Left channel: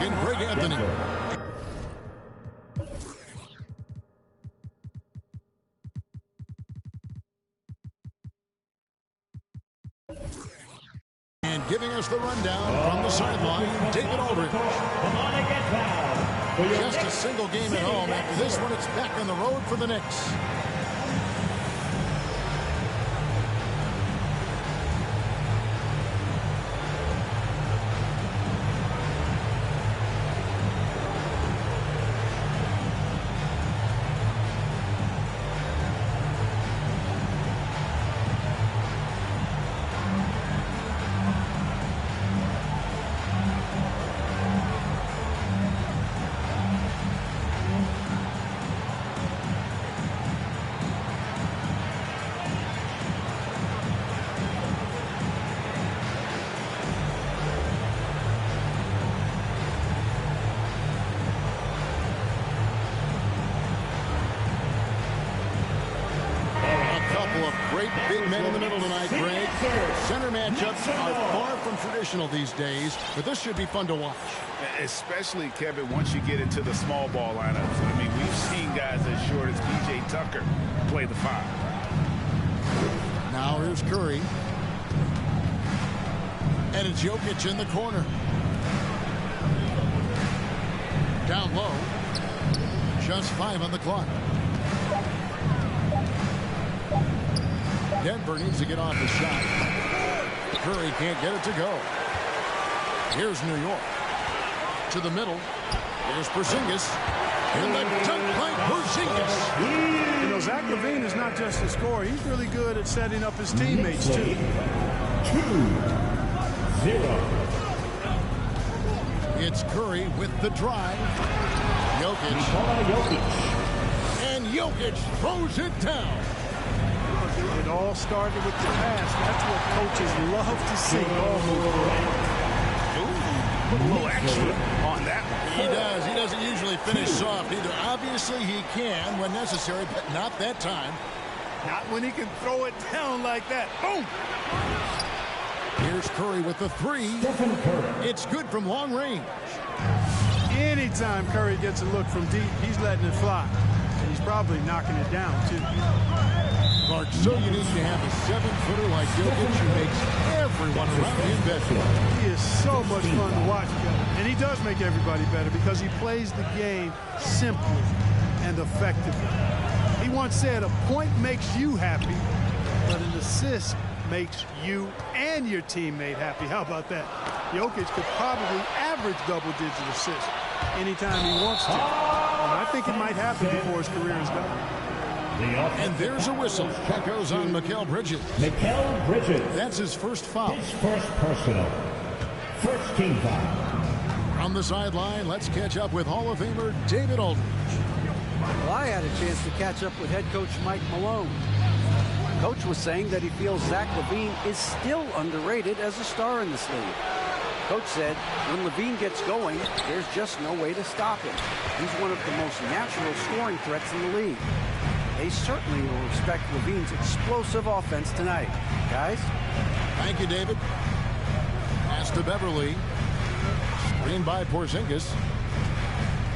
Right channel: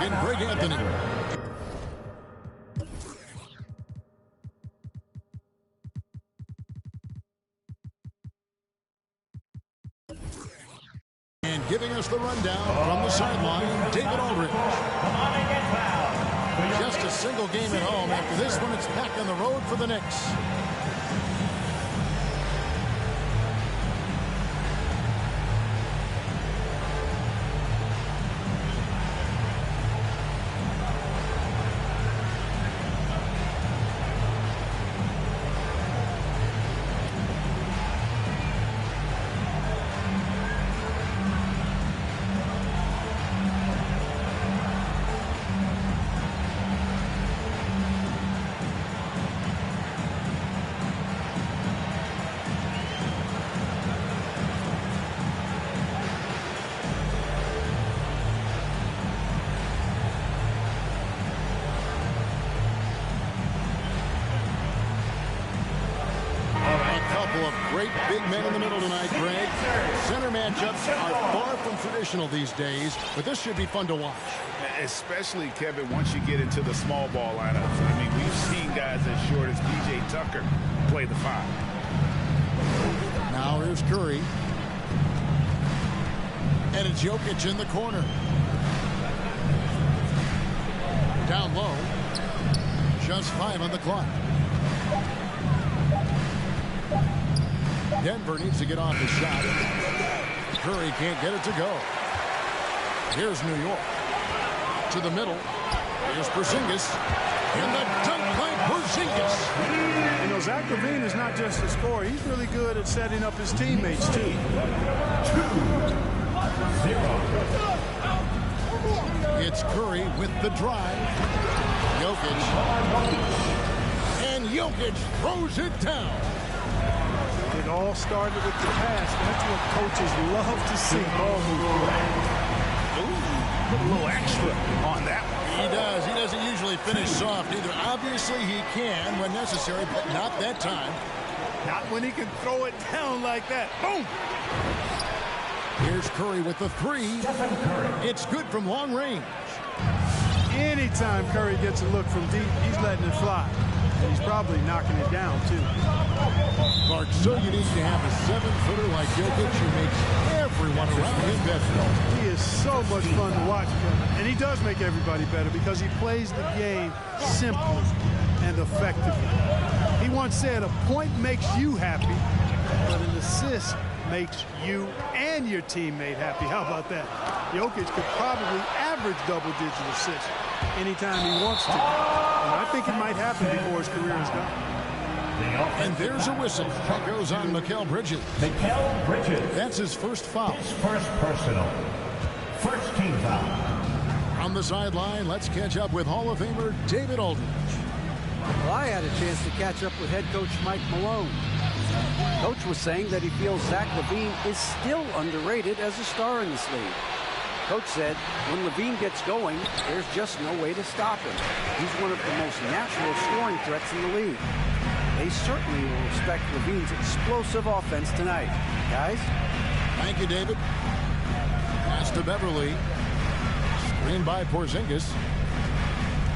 And Greg Anthony. And giving us the rundown from the sideline, David Aldridge. Just a single game at home. After this one, it's back on the road for the Knicks. Of great big men in the middle tonight, Greg. Center matchups are far from traditional these days, but this should be fun to watch. Especially, Kevin, once you get into the small ball lineups. I mean, we've seen guys as short as P.J. Tucker play the 5. Now here's Curry. And it's Jokic in the corner. Down low. Just 5 on the clock. Denver needs to get off the shot. Curry can't get it to go. Here's New York. To the middle. Here's Porzingis. And the dunk by Porzingis. You know, Zach LaVine is not just a scorer. He's really good at setting up his teammates, too. 2-0. It's Curry with the drive. Jokic. And Jokic throws it down. It all started with the pass. That's what coaches love to see. Ball movement. Ooh, put a little extra on that one. He does. He doesn't usually finish soft either. Obviously, he can when necessary, but not that time. Not when he can throw it down like that. Boom! Here's Curry with the 3. Stephen Curry. It's good from long range. Anytime Curry gets a look from deep, he's letting it fly. And he's probably knocking it down, too. Clark, so unique to have a 7-footer like Jokic who makes everyone around him better. He is so much fun to watch, Kevin. And he does make everybody better because he plays the game simply and effectively. He once said, a point makes you happy, but an assist makes you and your teammate happy. How about that? Jokic could probably average double-digit assists anytime he wants to. And I think it might happen before his career is done. And there's a whistle. That goes on Mikal Bridges. Mikal Bridges. That's his first foul. His first personal. First team foul. From the sideline, let's catch up with Hall of Famer David Aldridge. Well, I had a chance to catch up with head coach Mike Malone. Coach was saying that he feels Zach LaVine is still underrated as a star in this league. Coach said when LaVine gets going, there's just no way to stop him. He's one of the most natural scoring threats in the league. They certainly will respect LaVine's explosive offense tonight. Guys? Thank you, David. Pass to Beverly. Screen by Porzingis.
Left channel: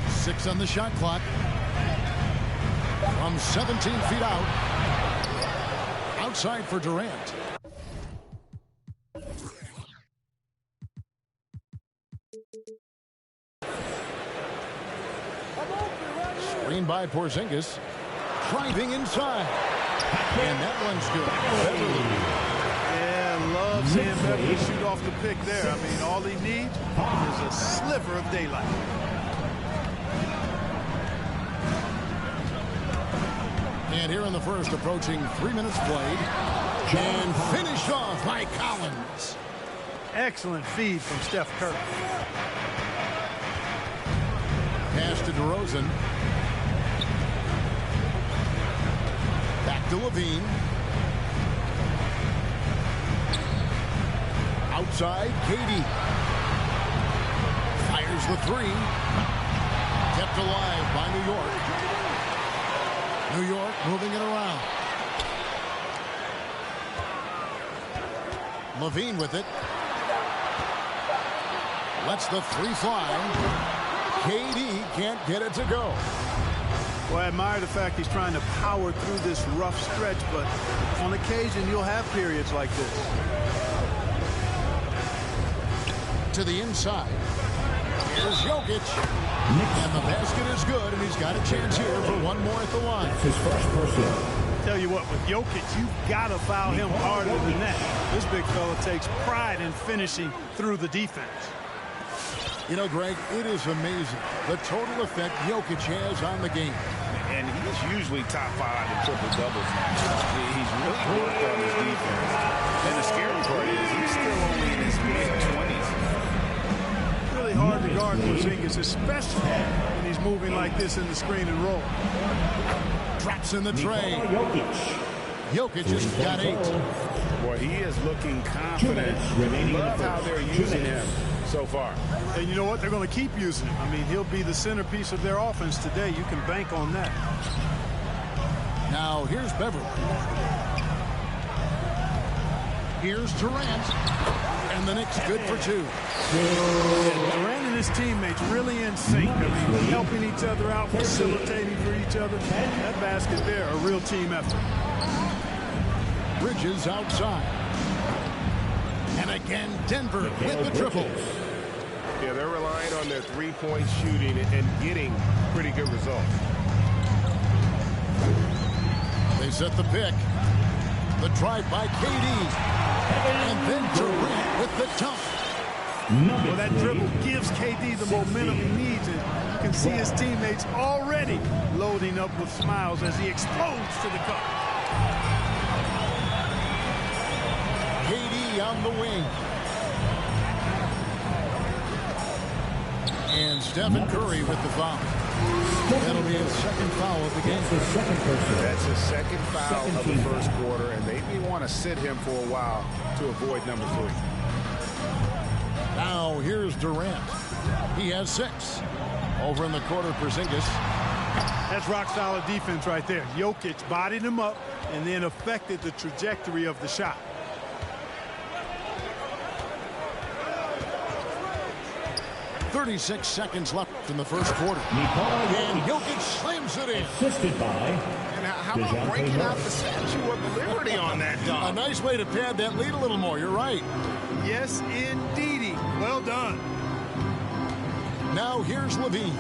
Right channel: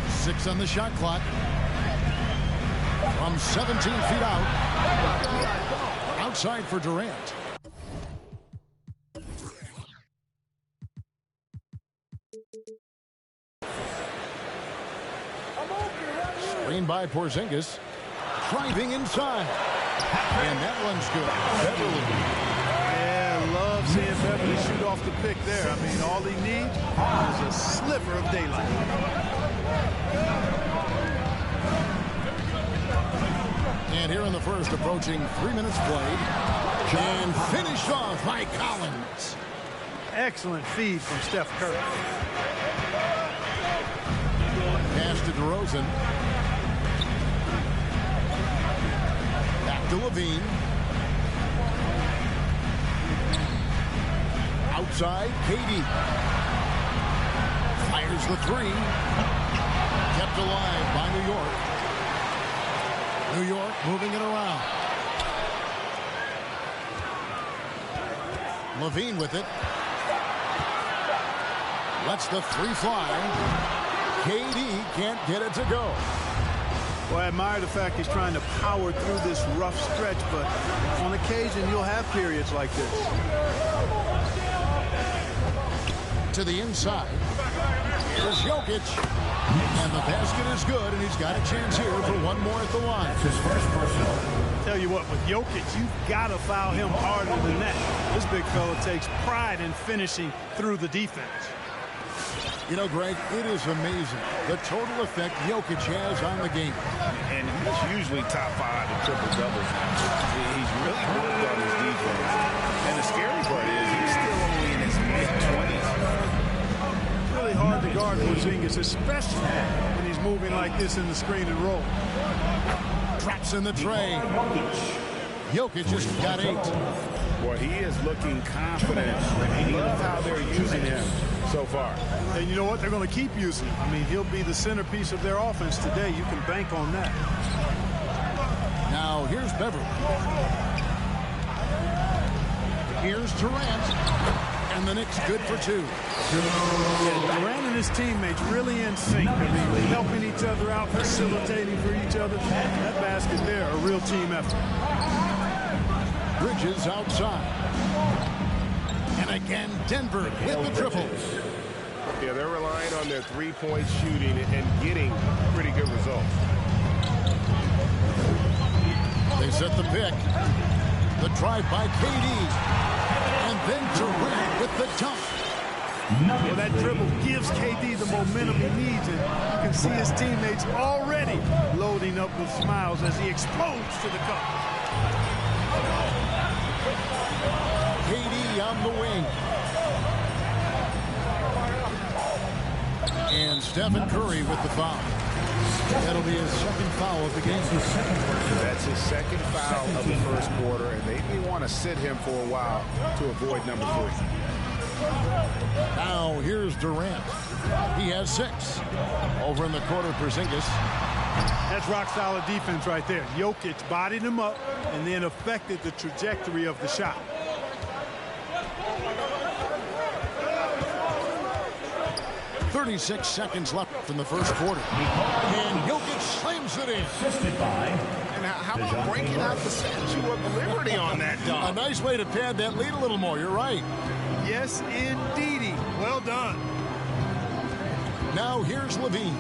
6 on the shot clock. From 17 feet out. Outside for Durant. Screen by Porzingis. Driving inside. And that one's good. Beverly. Yeah, love love seeing Beverly shoot off the pick there. I mean, all he needs is a sliver of daylight. And here in the first, approaching 3 minutes played. And finished off by Collins. Excellent feed from Steph Curry. Pass to DeRozan. Back to Levine. Outside, KD. Fires the three. Kept alive by New York. New York moving it around. Levine with it. Lets the three fly. KD can't get it to go. Well, I admire the fact he's trying to power through this rough stretch, but on occasion you'll have periods like this. To the inside. Here's Jokic. And the basket is good, and he's got a chance here for one more at the line. It's his first personal. Tell you what, with Jokic, you've got to foul him harder than that. This big fella takes pride in finishing through the defense. You know, Greg, it is amazing the total effect Jokic has on the game. And he's usually top 5 in triple-doubles now. He's really worked on his defense. And the scary part is he's still only in his mid-20s. Really hard to guard Porzingis, especially when he's moving like this in the screen and roll. Drops in the tray. Jokic just got 8. Boy, he is looking confident. Love how they're using him so far. And you know what? They're going to keep using him. I mean, he'll be the centerpiece of their offense today. You can bank on that. Now, here's Beverly. Here's Durant. And the Knicks good for 2. Yeah, Durant and his teammates really in sync. I mean, helping each other out, facilitating for each other. That basket there, a real team effort. Bridges outside. And again, Denver with the triple. Yeah, they're relying on their three-point shooting and getting pretty good results. They set the pick. The drive by KD. And then Durant with the dunk. Well, that dribble gives KD the momentum he needs, and you can see his teammates already loading up with smiles as he explodes to the cup. KD on the wing. And Stephen Curry with the foul. That'll be his second foul of the game. That's his second foul of the first quarter, and they may want to sit him for a while to avoid number 3. Now here's Durant. He has 6. Over in the corner, Porzingis. That's rock-solid defense right there. Jokic bodied him up and then affected the trajectory of the shot. .36 seconds left in the first quarter. And Jokic slams it in. Assisted by. And how about breaking out the Statue of Liberty on that dunk? A nice way to pad that lead a little more. You're right. Yes, indeedy. Well done. Now here's Levine.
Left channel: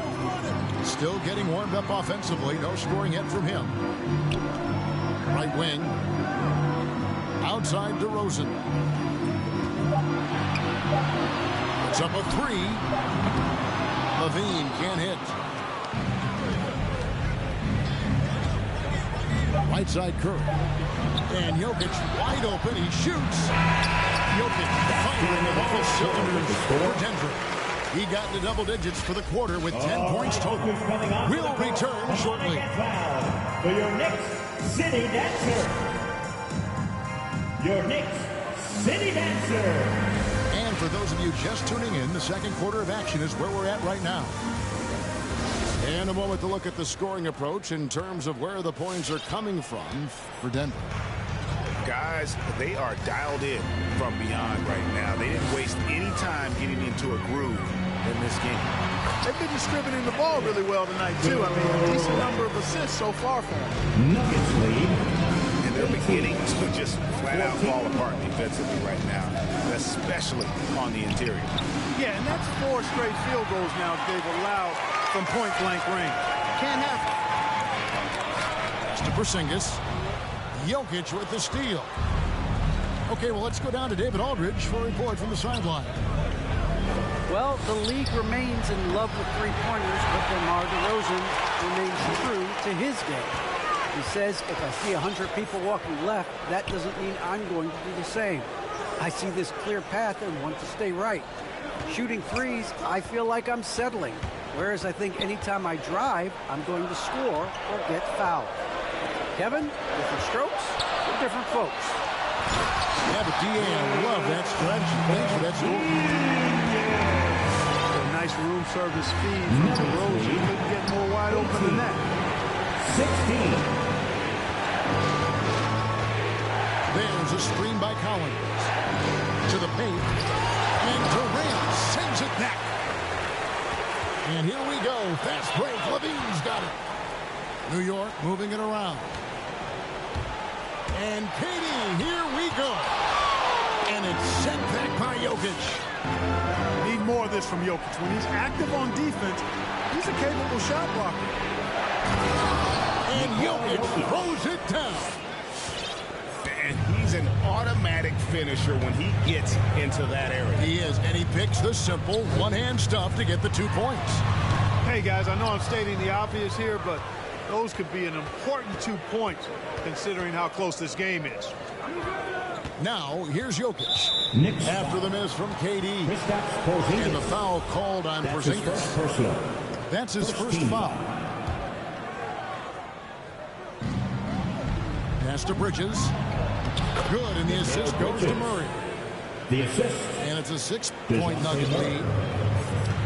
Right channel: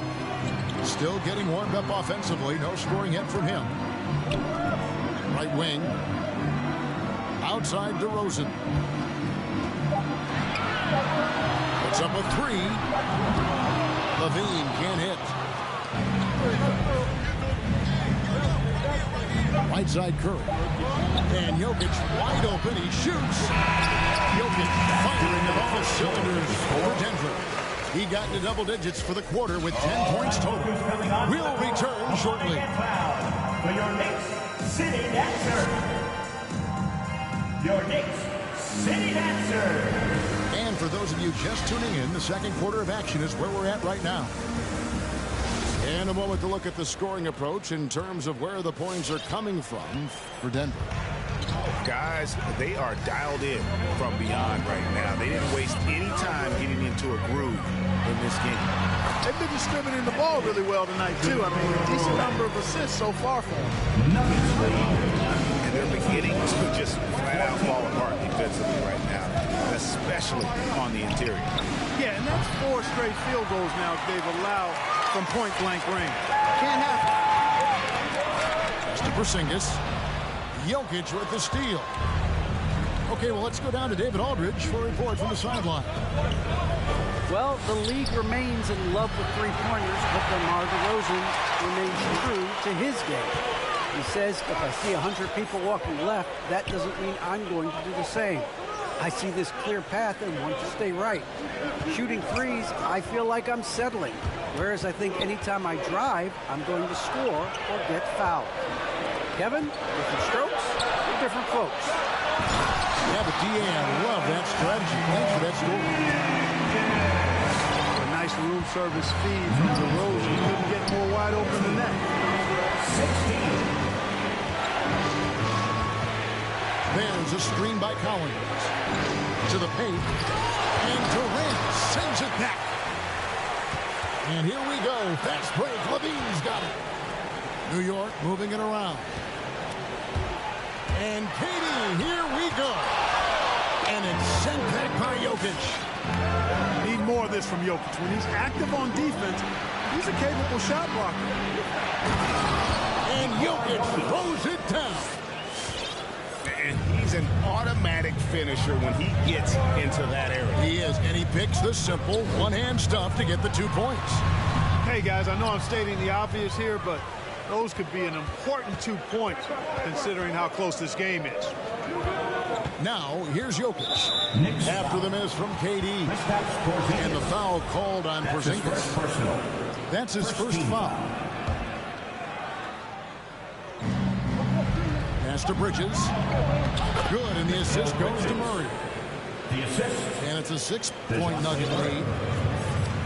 Still getting warmed up offensively. No scoring yet from him. Right wing. Outside DeRozan. Puts up a 3. Levine can't hit. Right side Curry. And Jokic wide open. He shoots. Jokic firing on all cylinders for Denver. He got into double digits for the quarter with 10 points total. We'll return shortly. For your Knicks City Dancer. Your Knicks City Dancer. And for those of you just tuning in, the second quarter of action is where we're at right now. And a moment to look at the scoring approach in terms of where the points are coming from for Denver. Guys, they are dialed in from beyond right now. They didn't waste any time getting into a groove in this game. They've been distributing the ball really well tonight, too. I mean, a decent number of assists so far for them. Nuggets lead. And they're beginning to just flat-out fall apart defensively right now, especially on the interior. Yeah, and that's 4 straight field goals now they've allowed from point-blank range. Can't happen. Pass to Porzingis. Jokic with the steal. Okay, well, let's go down to David Aldridge for a report from the sideline. Well, the league remains in love with three-pointers, but DeMar DeRozan remains true to his game. He says, if I see 100 people walking left, that doesn't mean I'm going to do the same. I see this clear path and want to stay right. Shooting threes, I feel like I'm settling. Whereas I think anytime I drive, I'm going to score or get fouled. Kevin, different strokes for different folks. Yeah, but D.A., I love that strategy. Thanks for that story. A nice room service feed from DeRozan. He couldn't get more wide open than that. 16. There's a screen by Collins. To the paint. And Durant sends it back. And here we go. Fast break. Levine's got it. New York moving it around. And KD, here we go. And it's sent back by Jokic. Need more of this from Jokic. When he's active on defense, he's a capable shot blocker. And Jokic throws it down. And he's an automatic finisher when he gets into that area. He is, and he picks the simple one-hand stuff to get the 2 points. Hey, guys, I know I'm stating the obvious here, but those could be an important 2 points considering how close this game is. Now, here's Jokic. After the miss from KD. And the foul called on Porzingis. That's his first foul. Pass to Bridges. Good, and the assist goes to Murray. The assist. And it's a 6-point Nugget lead.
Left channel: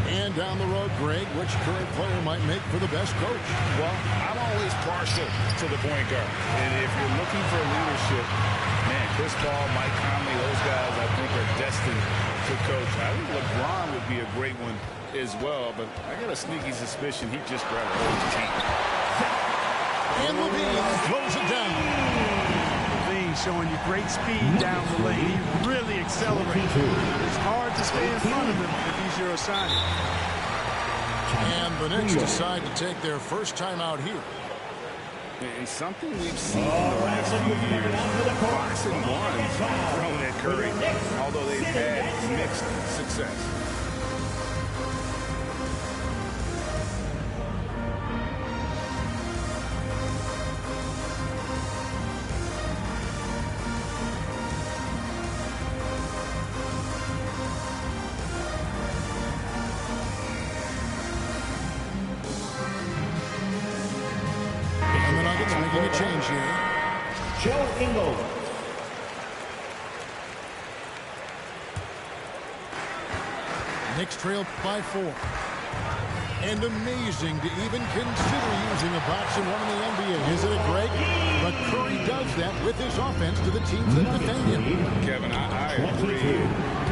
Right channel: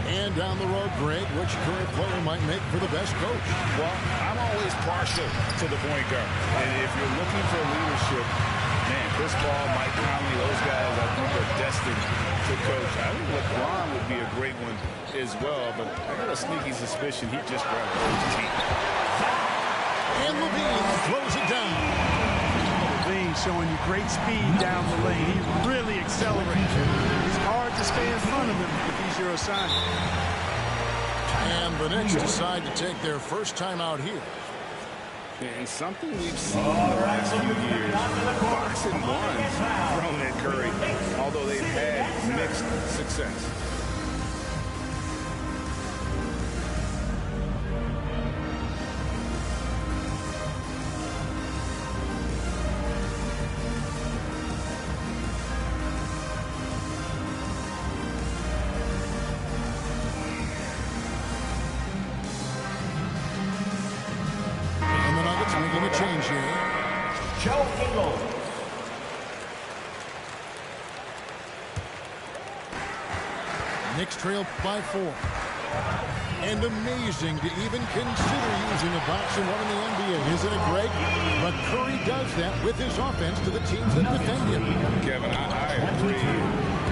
And down the road, Greg, which current player might make for the best coach? Well, I'm always partial to the point guard. And if you're looking for leadership, man, Chris Paul, Mike Conley, those guys I think are destined to coach. I think LeBron would be a great one as well, but I got a sneaky suspicion he'd just grab a whole team. And Levine throws it down. Levine showing you great speed down the lane. He really accelerates. It's hard to stay in front of him if he's your assignment. And the Knicks decide to take their first time out here. And something we've seen in the last few years, box and ones thrown at Curry, although they've had mixed success. Making a change here. Joe Ingles. Knicks trail by 4. And amazing to even consider using a box and one in the NBA, isn't it, Greg? But Curry does that with his offense to the teams that defend him. Kevin, I agree.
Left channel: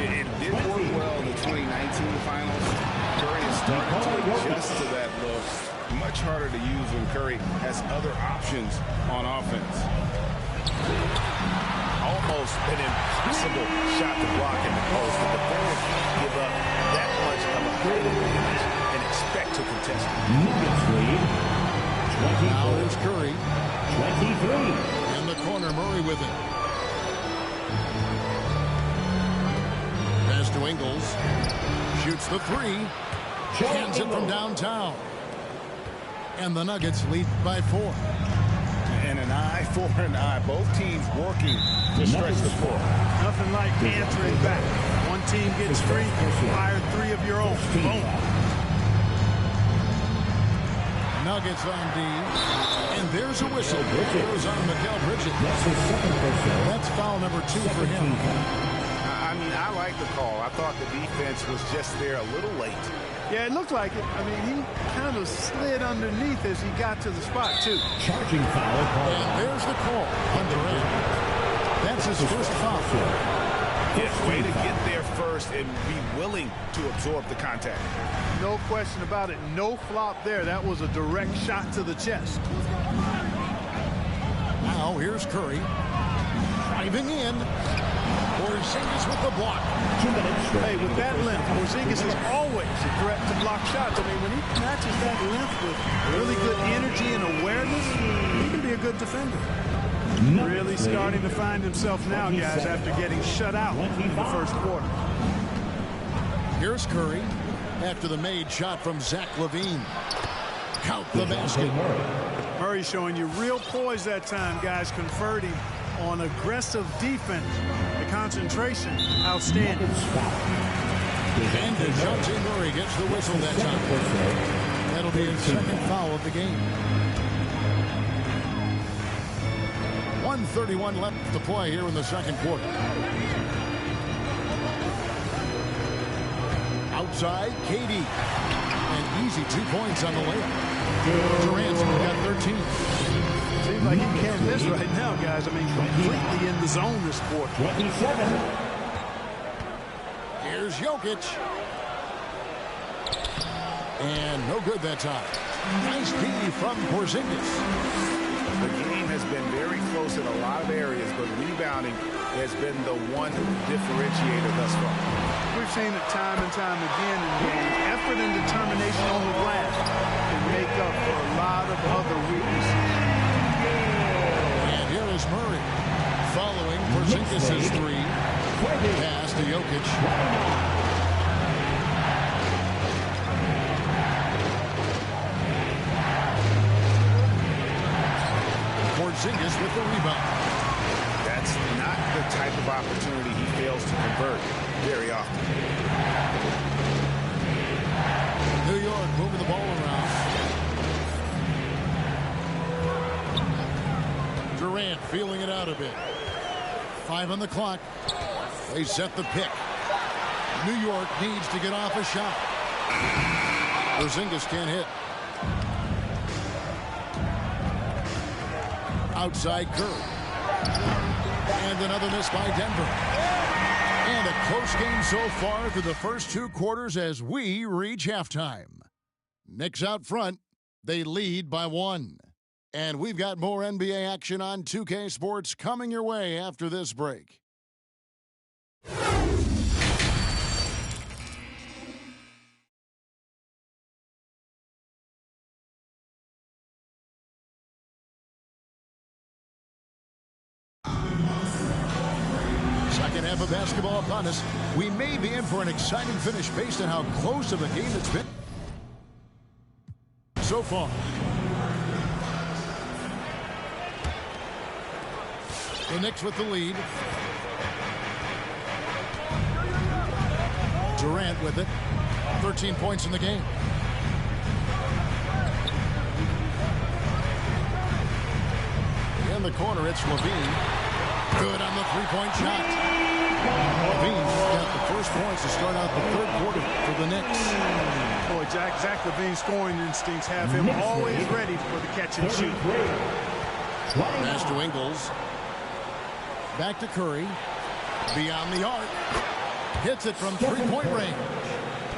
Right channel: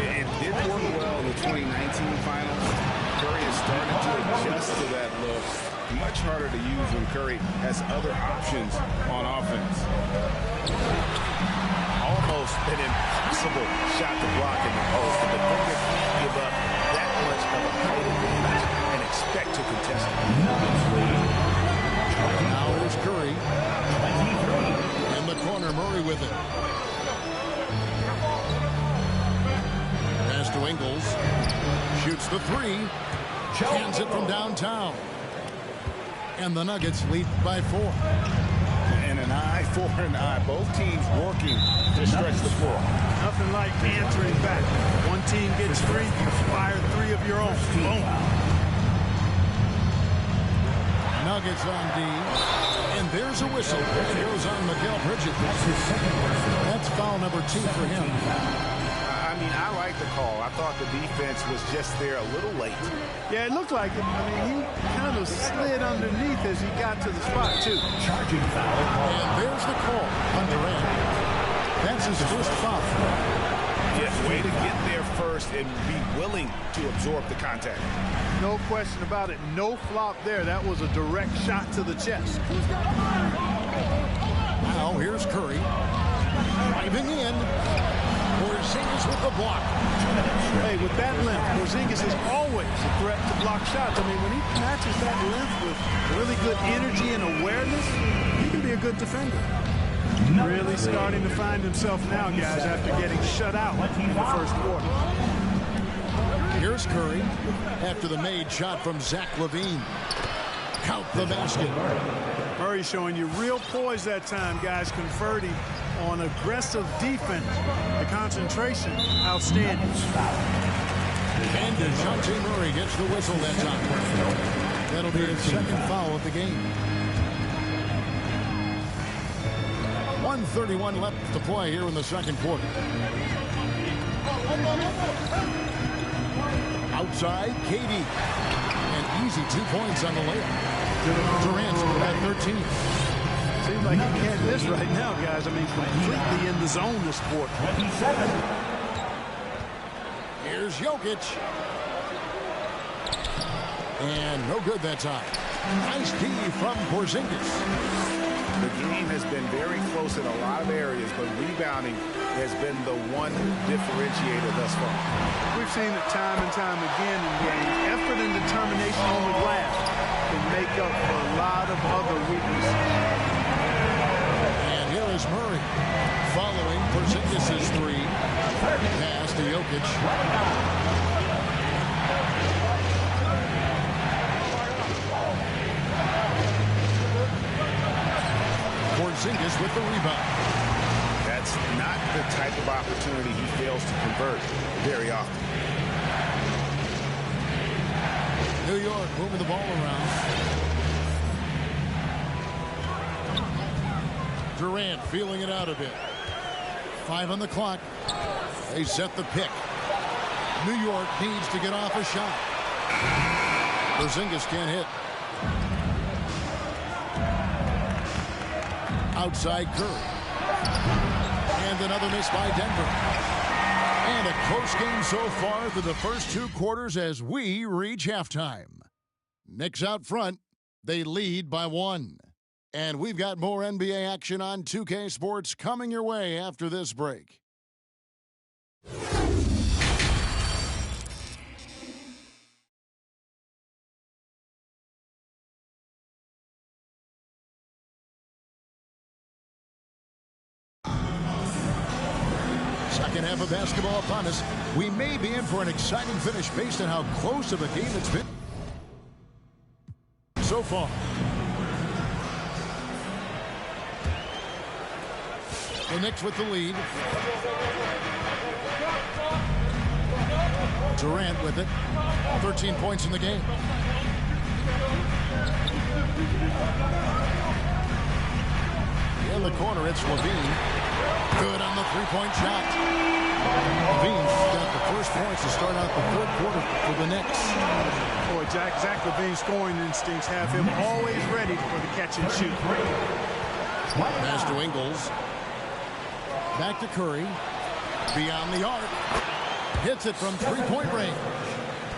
It did work well in the 2019 finals. Curry has started to adjust to that look. Much harder to use when Curry has other options on offense. Almost an impossible shot to block in the post. The defender can't give up that much of a height advantage and expect to contest it. Nuggets lead. Now there's Curry. 23. In the corner, Murray with it. Pass to Ingles. Shoots the 3. Hands it from downtown. And the Nuggets lead by 4. And an eye for an eye. Both teams working to stretch the floor. Nothing like answering back. One team gets 3, you fire 3 of your own. Boom. Nuggets on D. And there's a whistle. It goes on Mikal Bridges. That's his second personal. That's foul number 2 for him. I mean, I like the call. I thought the defense was just there a little late. Yeah, it looked like it. I mean, he kind of slid underneath as he got to the spot, too. Charging foul. And there's the call on Durant. That's his first foul. Yeah, way to get there first and be willing to absorb the contact. No question about it. No flop there. That was a direct shot to the chest. Now here's Curry. Driving in. Porzingis with the block. 2 minutes. Hey, with that length, Porzingis is always a threat to block shots. I mean, when he matches that length with really good energy and awareness, he can be a good defender. Really starting to find himself now, guys, after getting shut out in the first quarter. Here's Curry after the made shot from Zach LaVine. Count the basket. Murray showing you real poise that time, guys, converting on aggressive defense. The concentration, outstanding. And DeJounte Murray gets the whistle that time. That'll be his second foul of the game. 1:31 left to play here in the second quarter. Outside, KD. And easy 2 points on the layup. Durant's got 13. Seems like he can't miss right now, guys. I mean, completely in the zone this quarter. 27. Here's Jokic. And no good that time. Nice D from Porzingis. The game has been very close in a lot of areas, but rebounding has been the one differentiator thus far. We've seen it time and time again in games. Effort and determination on the glass can make up for a lot of other weaknesses. And here is Murray following Porzingis' three. Pass to Jokic. Porzingis with the rebound. That's not the type of opportunity he fails to convert very often. New York moving the ball around. Durant feeling it out a bit. 5 on the clock. They set the pick. New York needs to get off a shot. Porzingis can't hit. Outside Curry. And another miss by Denver. And a close game so far through the first 2 quarters as we reach halftime. Knicks out front. They lead by 1. And we've got more NBA action on 2K Sports coming your way after this break. Second half of basketball upon us. We may be in for an exciting finish based on how close of a game it's been so far. The Knicks with the lead. Durant with it. 13 points in the game. In the corner, it's LaVine. Good on the three-point shot. LaVine's got the first points to start out the third quarter for the Knicks. Boy, Zach LaVine's scoring instincts have him always ready for the catch and shoot. Pass to Ingles. Back to Curry. Beyond the arc. Hits it from three-point range.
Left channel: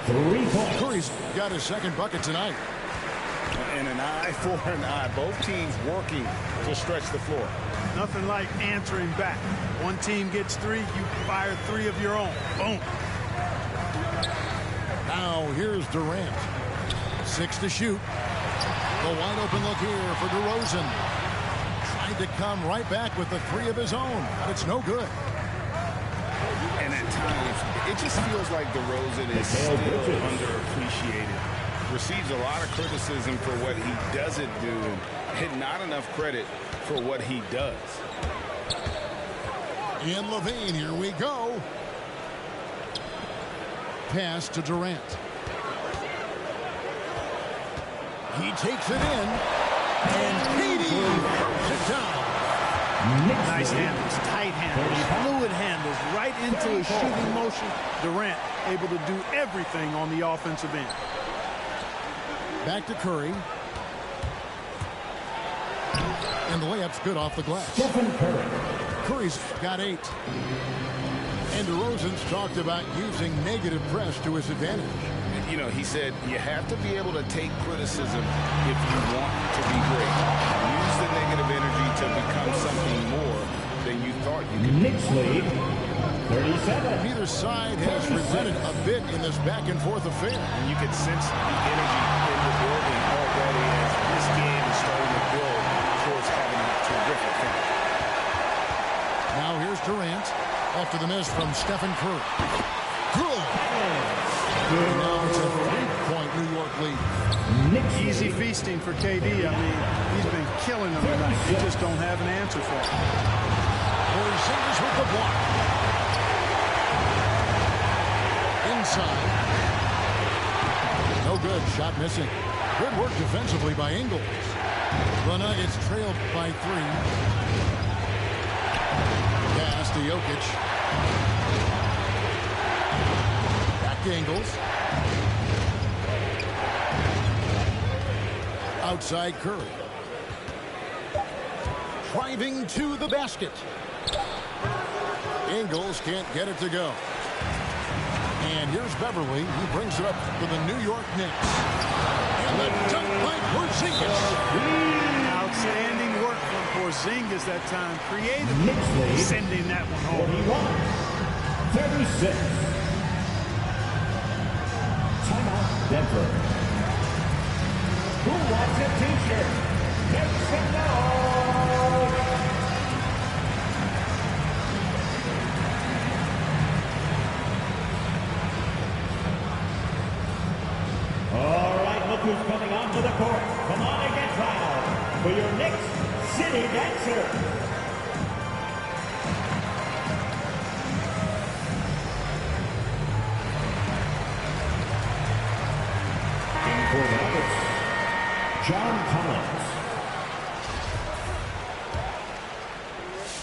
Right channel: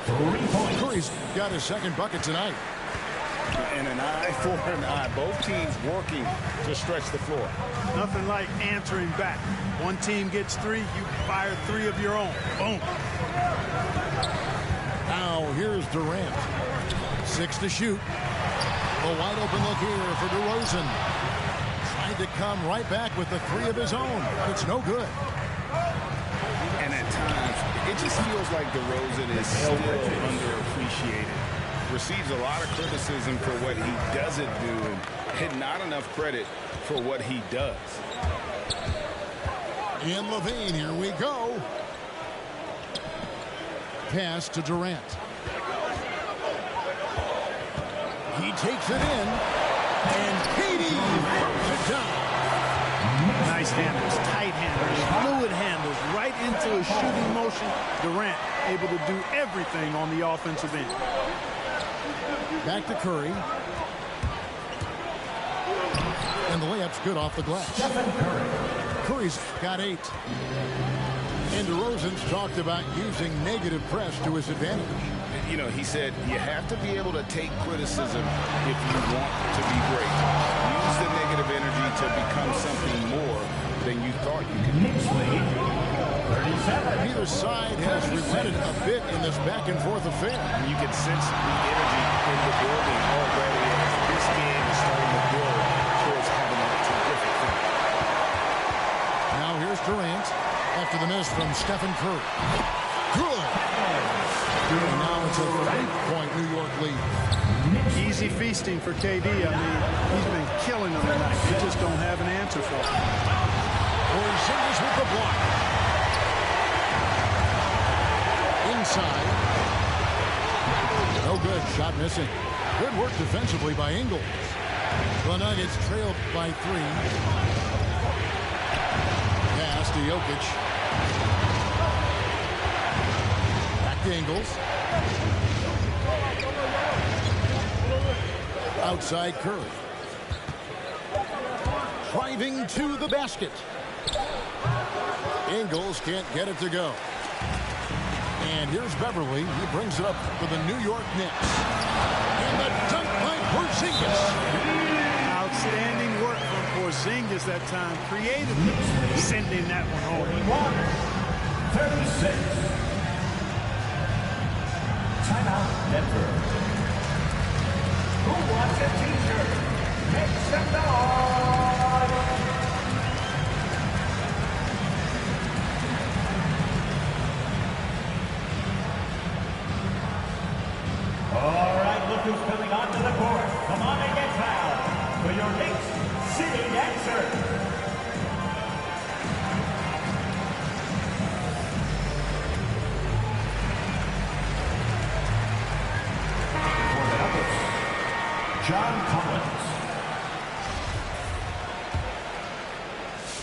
3 points. Curry's got his second bucket tonight. And an eye for an eye. Both teams working to stretch the floor. Nothing like answering back. One team gets 3, you fire 3 of your own. Boom. Now here's Durant. 6 to shoot. The wide open look here for DeRozan. Tried to come right back with the 3 of his own, but it's no good. And at times, it just feels like DeRozan is still underappreciated. Receives a lot of criticism for what he doesn't do and not enough credit for what he does. And LaVine, here we go. Pass to Durant. He takes it in, and KD throws it down. Nice handles, tight handles, fluid handles, right into a shooting motion. Durant able to do everything on the offensive end. Back to Curry. And the layup's good off the glass. Stephen Curry. Curry's got 8. And DeRozan's talked about using negative press to his advantage. You know, he said you have to be able to take criticism if you want to be great. Use the negative energy to become something more than you thought you could be. Knicks lead 37. Neither side has relented a bit in this back-and-forth affair. And you can sense the energy in the building already as this game is starting to build towards having a terrific finish. Now here's Durant after the miss from Stephen Curry. Good. And now it's a 3-point New York lead. Easy feasting for KD. I mean, he's been killing them tonight. They just don't have an answer for him. Porzingis with the block. Inside. No good. Shot missing. Good work defensively by Ingles. The Nuggets trailed by 3. Pass to Jokic. Back to Ingles. Outside Curry. Driving to the basket. Ingles can't get it to go. And here's Beverly. He brings it up for the New York Knicks. And the dunk by Porzingis. Outstanding work from Porzingis that time. Creatively sending that one home. 36. Timeout, Denver. Who wants a t-shirt? Make some noise! All right, look who's coming onto the court. Come on and get fouled for your Knicks City Dancer. For the Nuggets, John Collins.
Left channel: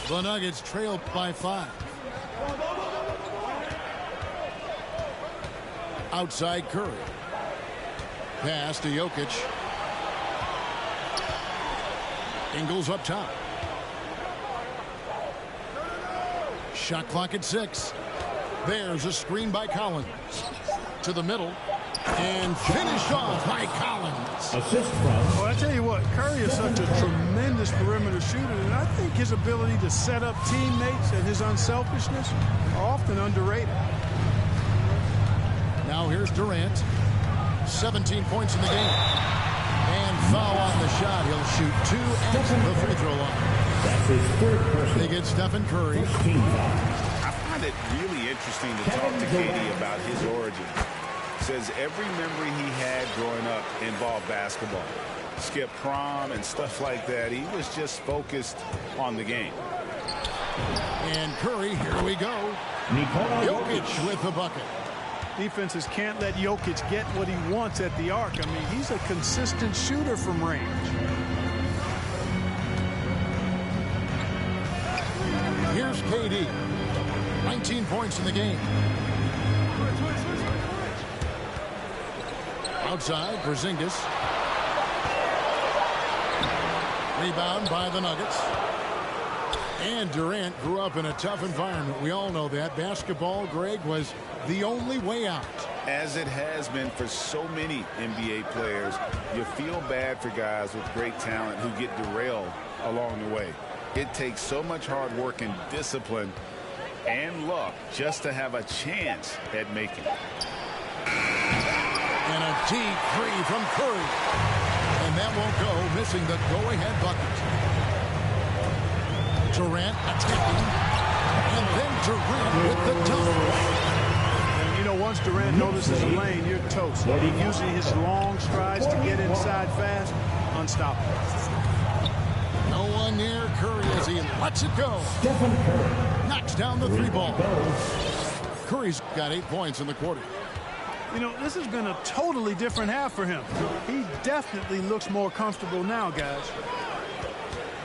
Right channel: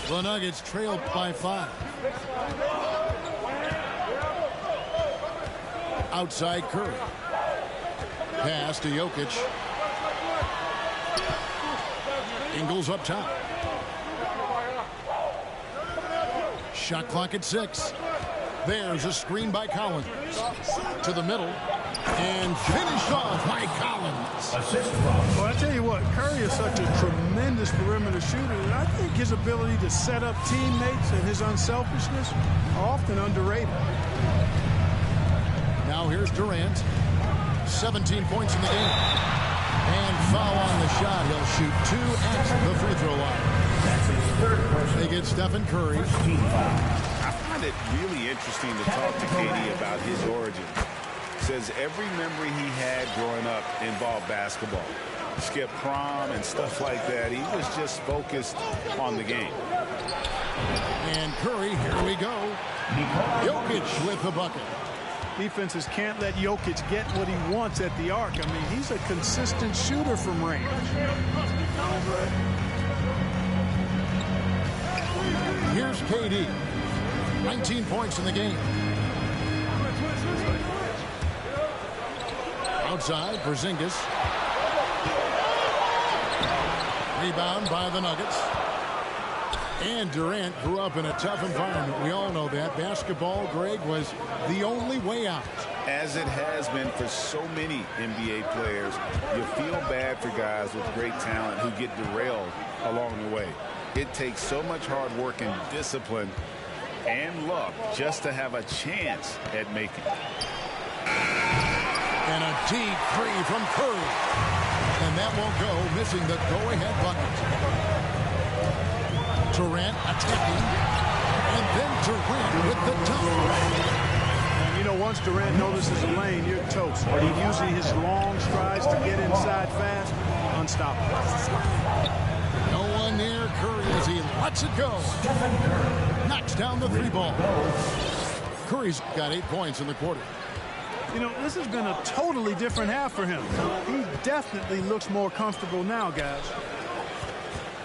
The Nuggets trailed by 5. Outside Curry. Pass to Jokic. Ingles up top. Shot clock at 6. There's a screen by Collins. To the middle. And finished off by Collins. Assist from. Well, I tell you what, Curry is such a tremendous perimeter shooter, and I think his ability to set up teammates and his unselfishness are often underrated. Now here's Durant. 17 points in the game. And foul on the shot. He'll shoot 2 at the free throw line. That's his third personal. They get Stephen Curry. Team foul. I find it really interesting to talk to KD about his origins. Says every memory he had growing up involved basketball. Skip prom and stuff like that. He was just focused on the game. And Curry, here we go. Jokic with the bucket. Defenses can't let Jokic get what he wants at the arc. I mean, he's a consistent shooter from range. Here's KD. 19 points in the game. Outside, Porzingis. Rebound by the Nuggets. And Durant grew up in a tough environment. We all know that. Basketball, Greg, was the only way out. As it has been for so many NBA players, you feel bad for guys with great talent who get derailed along the way. It takes so much hard work and discipline and luck just to have a chance at making it. And a deep 3 from Curry. And that won't go, missing the go-ahead bucket. Durant attacking. And then Durant with the dunk. And, you know, once Durant notices a lane, you're toast. Using his long strides to get inside fast, unstoppable. No one near Curry as he lets it go. Stephen Curry. Knocks down the 3 ball. Curry's got 8 points in the quarter. You know, this has been a totally different half for him. He definitely looks more comfortable now, guys.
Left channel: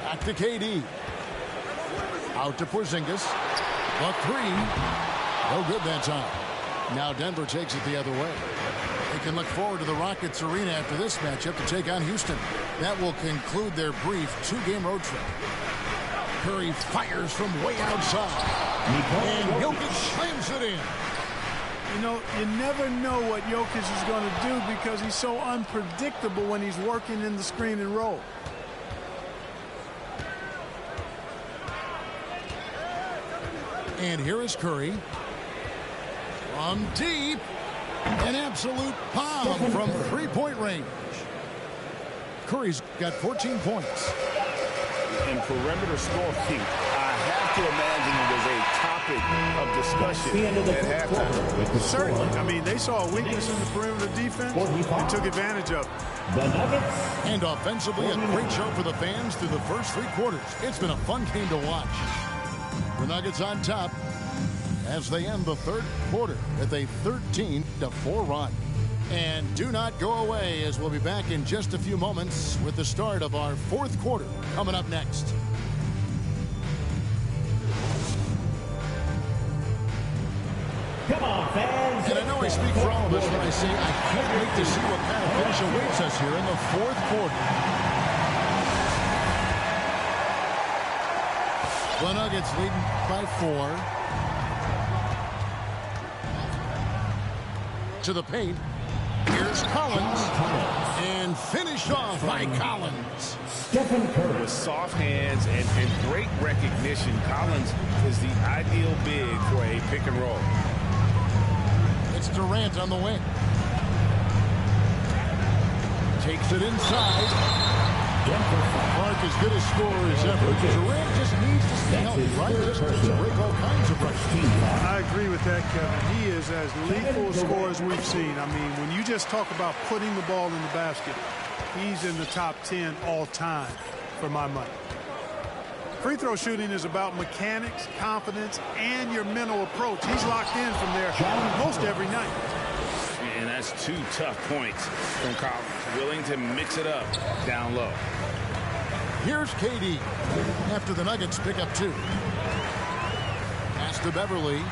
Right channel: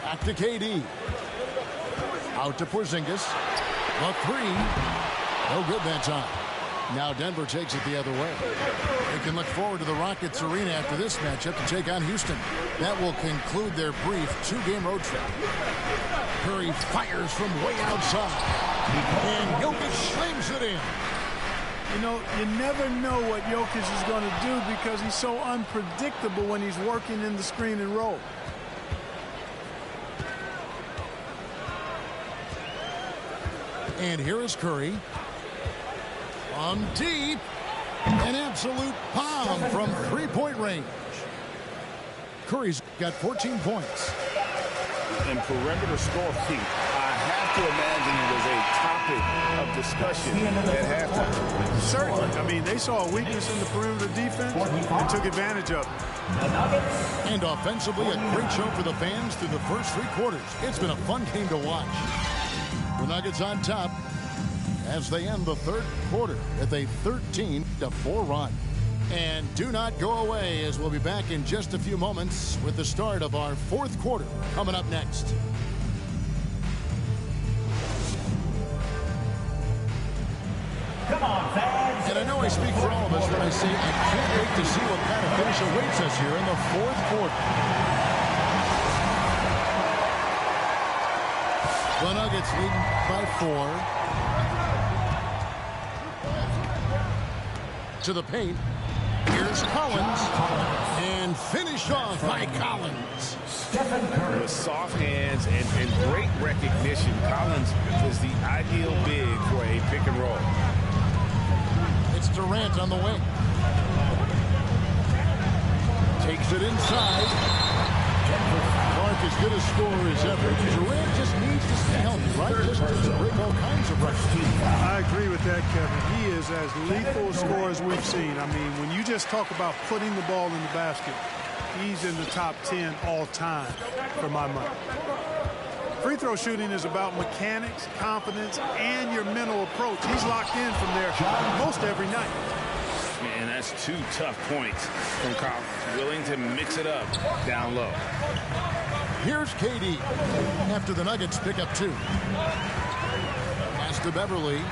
Back to KD. Out to Porzingis. The 3. No good that time. Now Denver takes it the other way. They can look forward to the Rockets Arena after this matchup to take on Houston. That will conclude their brief 2-game road trip. Curry fires from way outside. And Jokic slams it in. You know, you never know what Jokic is going to do because he's so unpredictable when he's working in the screen and roll. And here is Curry. From deep. An absolute bomb from 3-point range. Curry's got 14 points. In perimeter scoring, I have to imagine it was a topic of discussion at halftime. Certainly. I mean, they saw a weakness in the perimeter defense and took advantage of it. The Nuggets. And offensively, a great show for the fans through the first 3 quarters. It's been a fun game to watch. The Nuggets on top as they end the 3rd quarter with a 13-4 run. And do not go away, as we'll be back in just a few moments with the start of our 4th quarter coming up next. Come on, fans. And I know I speak for all of us when I say I can't wait to see what kind of finish awaits us here in the 4th quarter. The Nuggets leading by 4. To the paint. Here's Collins. And finished off by Collins. Stephen Curry. With soft hands and great recognition, Collins is the ideal big for a pick and roll. It's Durant on the wing. Takes it inside. Clark as good a scorer as ever. Durant just needs to stay healthy, right? Just to break all kinds of records. I agree with that, Kevin. He is as lethal a scorer as we've seen. I mean, when you just talk about putting the ball in the basket, he's in the top 10 all time for my money. Free throw shooting is about mechanics, confidence, and your mental approach. He's locked in from there most every night. And that's 2 tough points from Collins. Willing to mix it up down low. Here's KD after the Nuggets pick up 2. Pass to Beverly.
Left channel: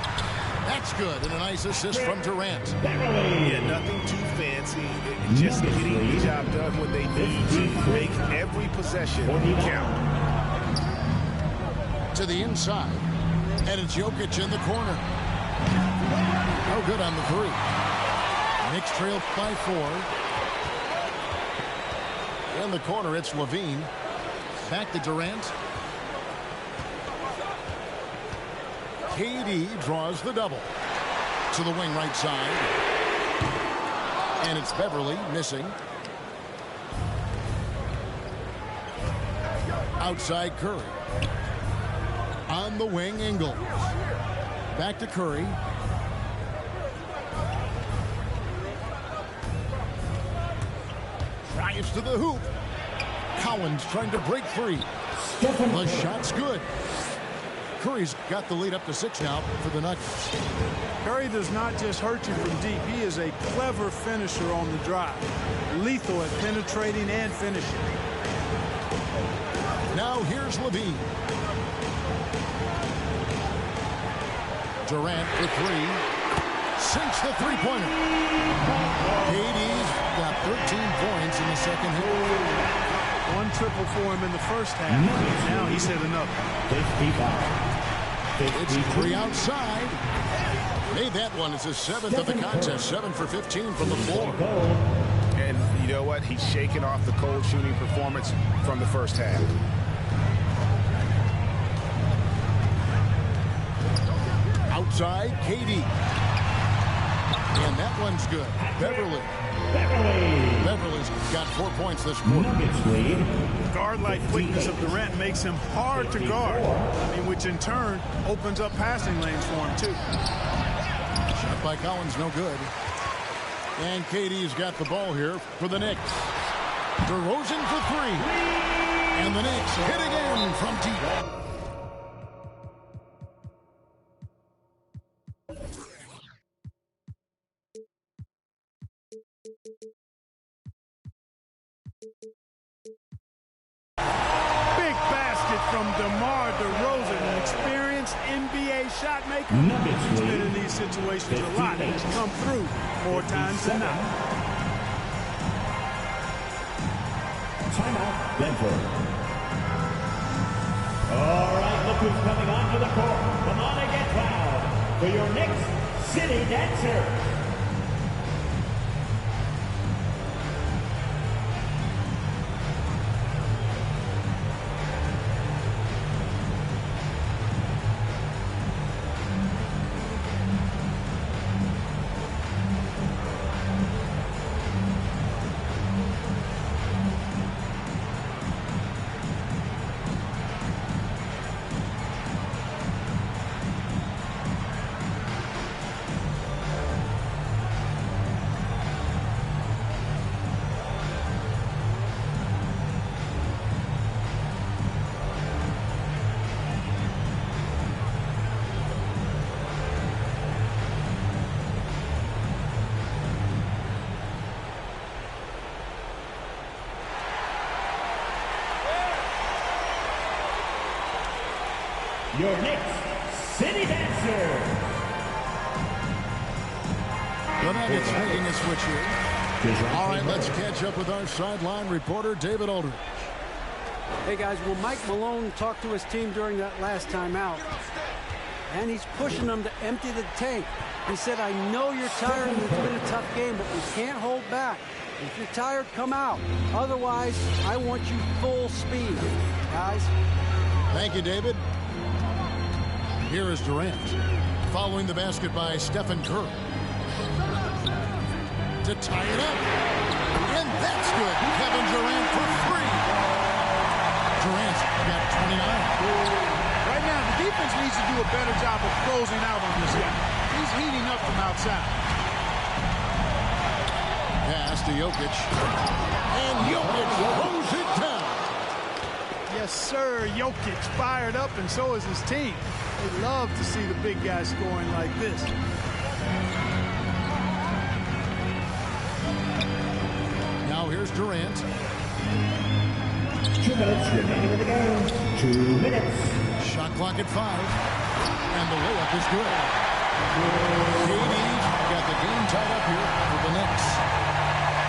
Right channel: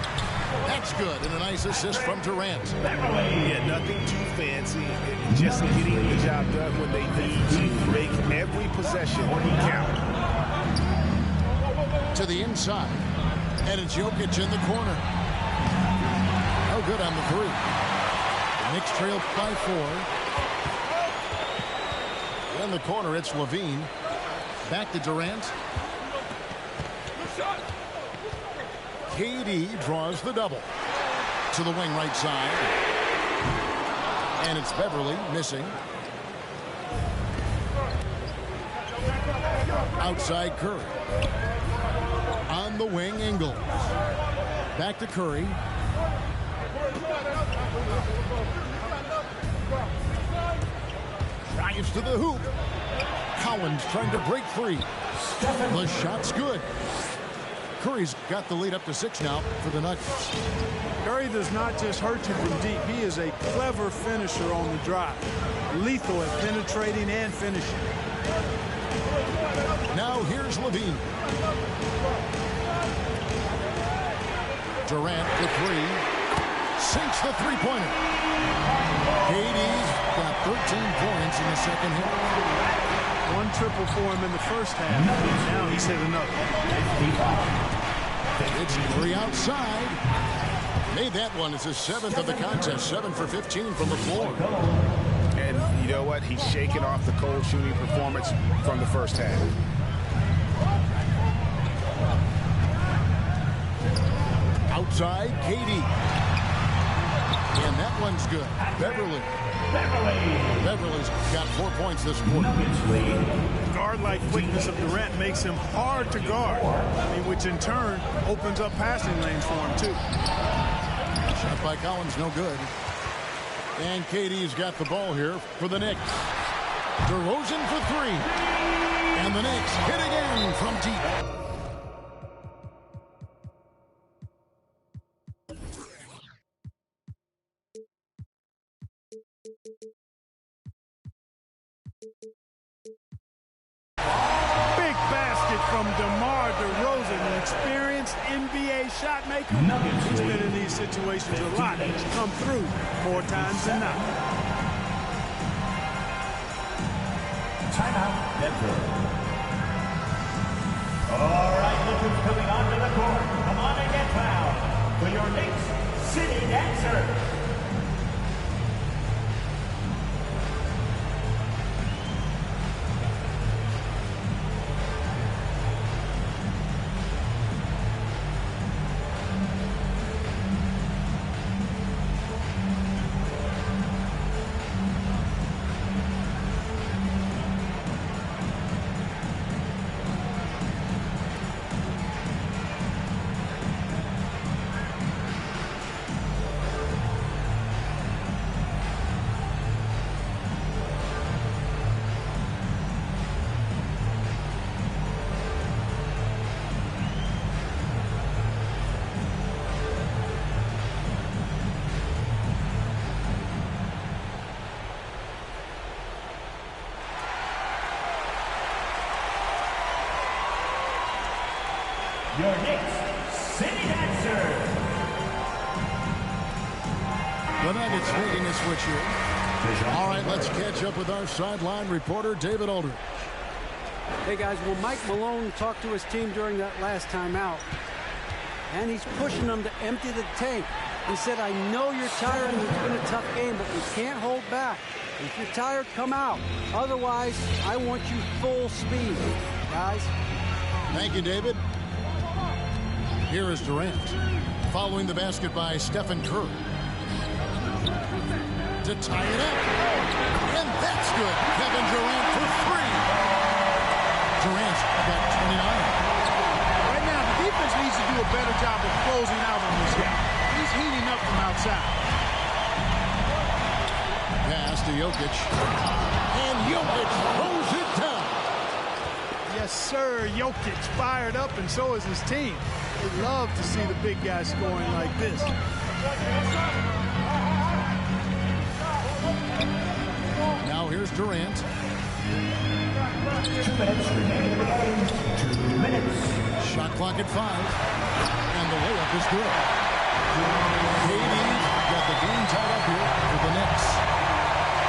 That's good, and a nice assist from Durant. Yeah, nothing too fancy. Just getting the job done when they need to. Make every possession count. To the inside, and it's Jokic in the corner. No good on the 3. Knicks trail by 4. In the corner, it's Levine. Back to Durant. KD draws the double. To the wing right side. And it's Beverly missing. Outside Curry. On the wing, Ingles. Back to Curry. Drives to the hoop. Collins trying to break free. The shot's good. Curry's got the lead up to 6 now for the Nuggets. Curry does not just hurt you from deep. He is a clever finisher on the drive. Lethal at penetrating and finishing. Now here's Levine. Durant for 3. Sinks the 3-pointer. KD's got 13 points in the second half. 1 triple for him in the first half. Now he's hit another. 55. It's Curry outside. Made that one. It's his 7th of the contest. 7 for 15 from the floor. And you know what? He's shaking off the cold shooting performance from the first half. Outside, KD. And that one's good. Beverly. Beverly's got 4 points this quarter. Guard-like quickness of Durant makes him hard to guard. I mean, which in turn opens up passing lanes for him, too. Shot by Collins, no good. And KD's got the ball here for the Knicks. DeRozan for 3. And the Knicks hit again from deep. Big basket from DeMar DeRozan, an experienced NBA shot maker. He's been in these situations a lot and has come through more times than not. Timeout, Denver. All right, look who's coming onto the court. Come on and get fouled for your Knicks City Dancer. your Knicks City Dancer. The Nuggets making a switch here. All right, let's catch up with our sideline reporter, David Aldridge. Hey, guys, well, Mike Malone talked to his team during that last timeout, and he's pushing them to empty the tank. He said, I know you're tired and it's been a tough game, but we can't hold back. If you're tired, come out. Otherwise, I want you full speed, guys. Thank you, David. Here is Durant, following the basket by Stephen Curry. To tie it up. And that's good. Kevin Durant for 3. Durant's got 29. Right now, the defense needs to do a better job of closing out on this guy. He's heating up from outside. Pass to Jokic. And Jokic throws it down. Yes, sir. Jokic fired up, and so is his team. They love to see the big guy scoring like this. Now here's Durant. 2 minutes remaining in the game. 2 minutes. Shot clock at 5. And the layup is good. KD's got the game tied up here for the Knicks.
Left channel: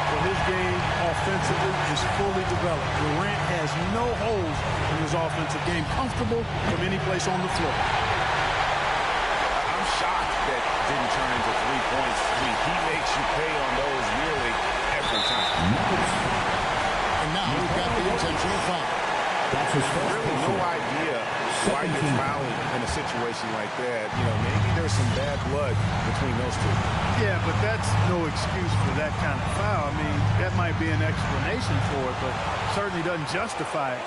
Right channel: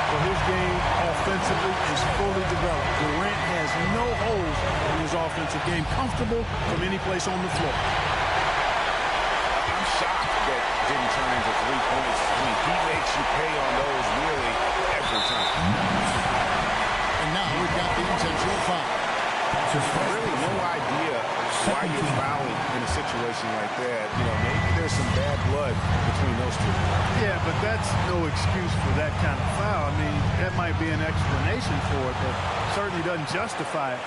Well, his game offensively is fully developed. Durant has no holes in his offensive game. Comfortable from any place on the floor. I'm shocked that didn't turn into 3 points. I mean, he makes you pay on those nearly every time. And now we've got the intentional foul. That's his first. Really no idea why you're fouling in a situation like that. You know, maybe there's some bad blood between those two. Yeah, but that's no excuse for that kind of foul. I mean, that might be an explanation for it, but certainly doesn't justify it.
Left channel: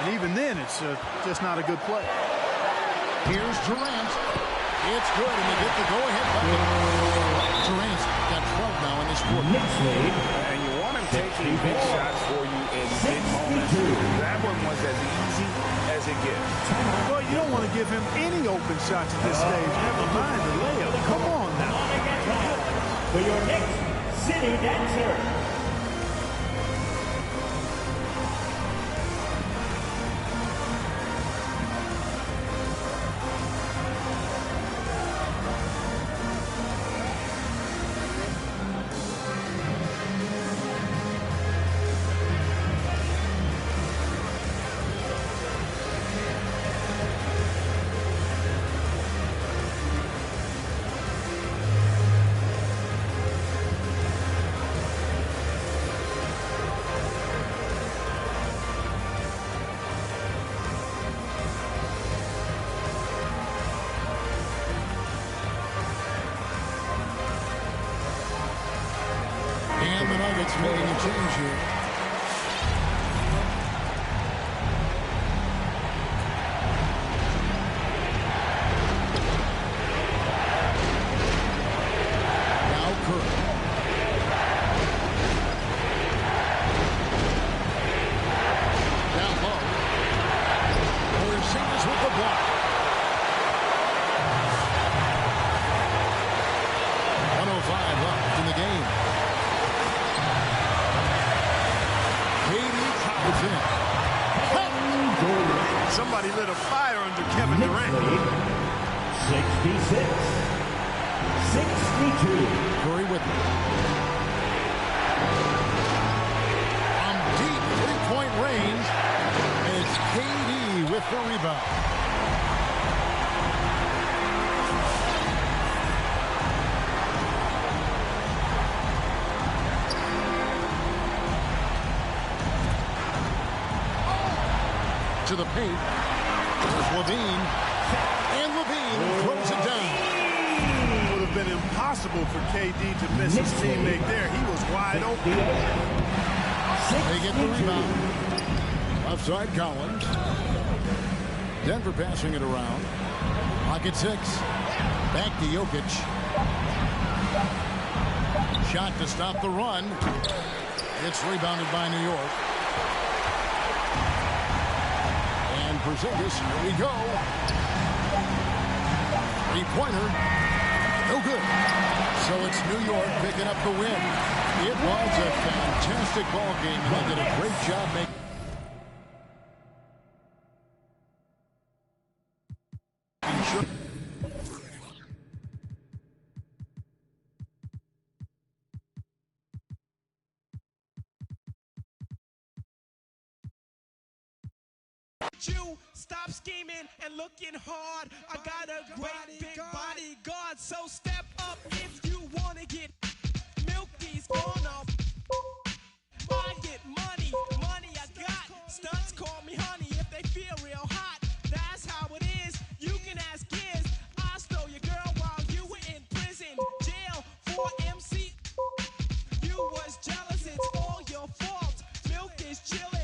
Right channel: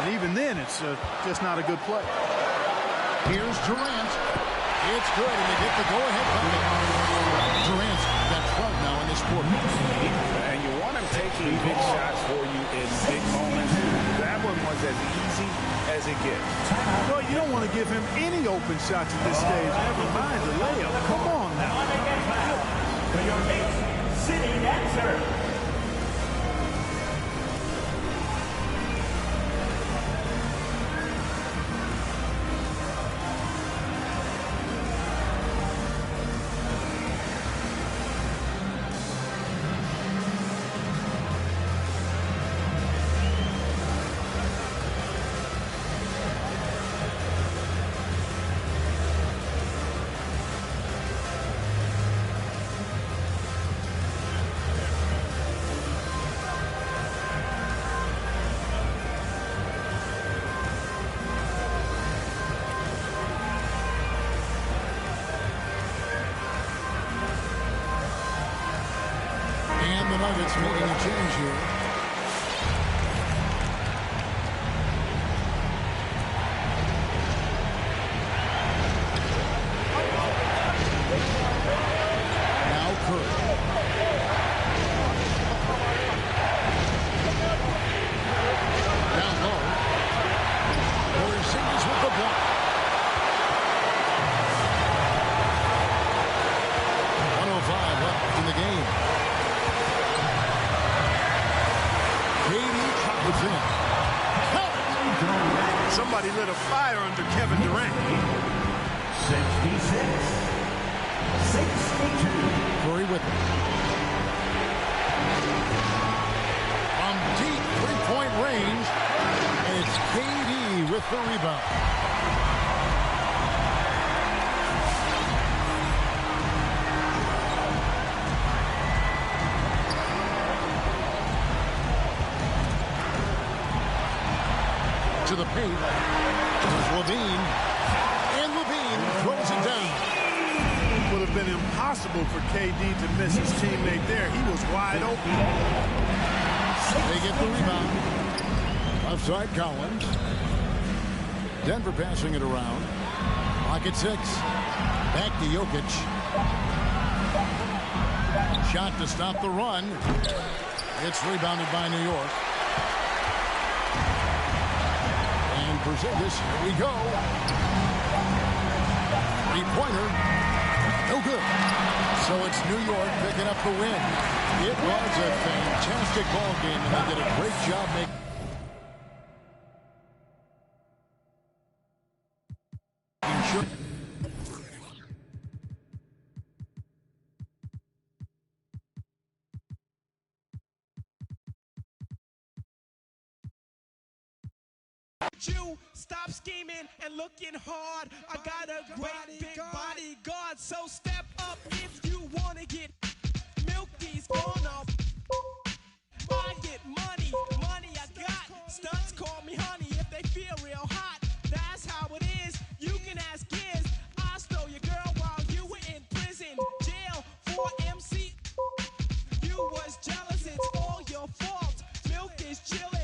And even then, it's just not a good play. Here's Durant. It's good, and they get the go-ahead bucket. Durant's got 12 now in this quarter. And you want him taking big shots for you in big moments. That one was as easy as it gets. Well, you don't want to give him any open shots at this stage. Never mind the layup. Come on now. For your Knicks City Dancer. And the Nuggets making a change here. Now Curry. Down low. Porzingis with the block. 1:05 left in the game. KD travels in. Somebody lit a fire under Kevin Durant. 66. 62. Curry with it. From deep three-point range, and it's KD with the rebound. To the paint. There's Levine. And Levine throws it down. It would have been impossible for KD to miss his teammate there. He was wide open. They get the rebound. Left side Collins. Denver passing it around. Clock at 6. Back to Jokic. Shot to stop the run. It's rebounded by New York. And Porzingis, here we go. Three-pointer, no good. So it's New York picking up the win. It was a fantastic ball game, and they did a great job making You stop scheming and looking hard. I got a great big bodyguard, so step up if you wanna get Milky's gonna. I get money I got. Stunts call me honey if they feel real hot. That's how it is. You can ask Giz. I stole your girl while you were in prison, jail for MC. You was jealous, it's all your fault. Milk is chillin'.